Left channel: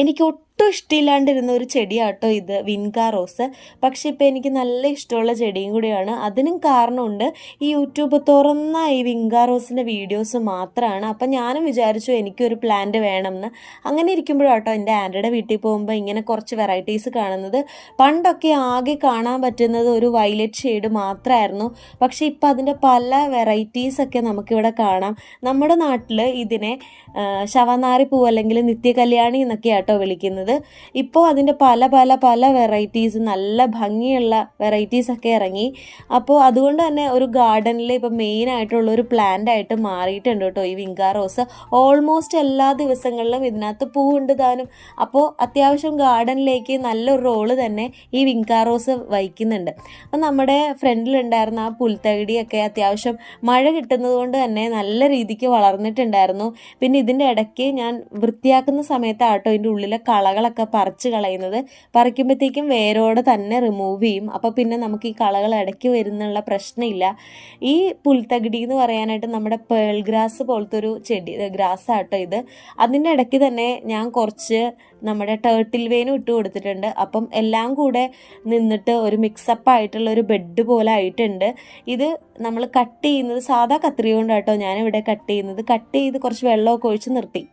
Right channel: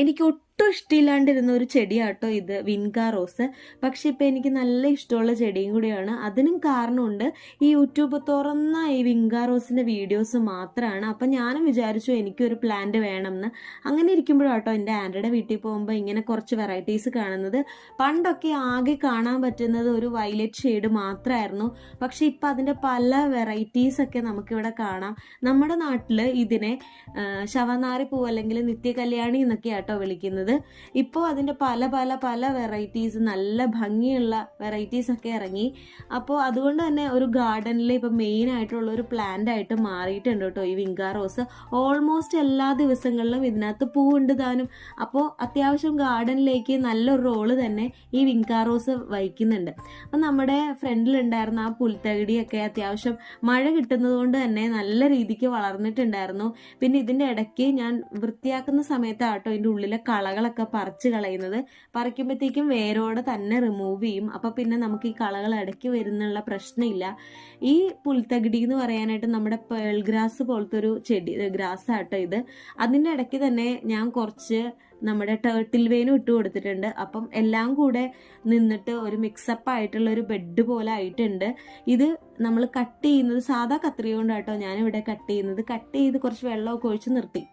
എനിക്ക് ഒട്ടും ഇഷ്ടമില്ലാണ്ടിരുന്ന ഒരു ചെടിയാട്ടോ ഇത്, വിൻകാ റോസ്. പക്ഷെ ഇപ്പം എനിക്ക് നല്ല ഇഷ്ടമുള്ള ചെടിയും കൂടിയാണ്. അതിനും കാരണമുണ്ട്, ഈ യൂട്യൂബ് തുറന്ന ഈ വിൻകാ റോസിൻ്റെ വീഡിയോസ് മാത്രമാണ്. അപ്പം ഞാനും വിചാരിച്ചു എനിക്കൊരു പ്ലാന്റ് വേണമെന്ന്. അങ്ങനെ ഇരിക്കുമ്പോഴാട്ടോ എൻ്റെ ആൻറ്റിയുടെ വീട്ടിൽ പോകുമ്പോൾ ഇങ്ങനെ കുറച്ച് വെറൈറ്റീസ് കാണുന്നത്. പണ്ടൊക്കെ ആകെ കാണാൻ പറ്റുന്നത് ഒരു വയലറ്റ് ഷെയ്ഡ് മാത്രമായിരുന്നു. പക്ഷെ ഇപ്പം അതിൻ്റെ പല വെറൈറ്റീസൊക്കെ നമുക്കിവിടെ കാണാം. നമ്മുടെ നാട്ടിൽ ഇതിനെ ശവനാരി പൂ അല്ലെങ്കിൽ നിത്യകല്യാണി എന്നൊക്കെയാണ് കേട്ടോ വിളിക്കുന്നത്. ഇപ്പോൾ അതിൻ്റെ പല പല പല വെറൈറ്റീസ്, നല്ല ഭംഗിയുള്ള വെറൈറ്റീസൊക്കെ ഇറങ്ങി. അപ്പോൾ അതുകൊണ്ട് തന്നെ ഒരു ഗാർഡനിൽ ഇപ്പോൾ മെയിനായിട്ടുള്ള ഒരു പ്ലാന്റ് ആയിട്ട് മാറിയിട്ടുണ്ട് കേട്ടോ ഈ വിൻകാ റോസ്. ഓൾമോസ്റ്റ് എല്ലാ ദിവസങ്ങളിലും ഇതിനകത്ത് പൂവുണ്ട് താനും. അപ്പോൾ അത്യാവശ്യം ഗാർഡനിലേക്ക് നല്ലൊരു റോള് തന്നെ ഈ വിൻകാ റോസ് വഹിക്കുന്നുണ്ട്. അപ്പം നമ്മുടെ ഫ്രണ്ടിലുണ്ടായിരുന്ന ആ പുൽത്തകിടിയൊക്കെ അത്യാവശ്യം മഴ കിട്ടുന്നത് കൊണ്ട് തന്നെ നല്ല രീതിക്ക് വളർന്നിട്ടുണ്ടായിരുന്നു. പിന്നെ ഇതിൻ്റെ ഇടയ്ക്ക് ഞാൻ വൃത്തിയാക്കുന്ന സമയത്താട്ടോ ഇതിൻ്റെ ഉള്ളിലെ കളകളൊക്കെ പറിച്ച് കളയുന്നത്. പറിക്കുമ്പോഴത്തേക്കും വേരോടെ തന്നെ റിമൂവ് ചെയ്യും. അപ്പോൾ പിന്നെ നമുക്ക് ഈ കളകൾ ഇടയ്ക്ക് വരുന്നുള്ള പ്രശ്നമില്ല. ഈ പുൽത്തകിടി എന്ന് പറയാനായിട്ട് നമ്മുടെ പേൾ ഗ്രാസ് പോലത്തെ ഒരു ചെടി, ഗ്രാസ് ആട്ടോ ഇത്. അതിൻ്റെ ഇടയ്ക്ക് തന്നെ ഞാൻ കുറച്ച് നമ്മുടെ ടേർട്ടിൽ വെയിനും ഇട്ട് കൊടുത്തിട്ടുണ്ട്. അപ്പം എല്ലാം കൂടെ നിന്നിട്ട് ഒരു മിക്സപ്പ് ആയിട്ടുള്ള ഒരു ബെഡ് പോലെ ആയിട്ടുണ്ട്. ഇത് നമ്മൾ കട്ട് ചെയ്യുന്നത് സാധാ കത്രിക കൊണ്ടാട്ടോ ഞാനിവിടെ കട്ട് ചെയ്യുന്നത്. കട്ട് ചെയ്ത് കുറച്ച് വെള്ളമൊക്കെ ഒഴിച്ച് നിർത്തി.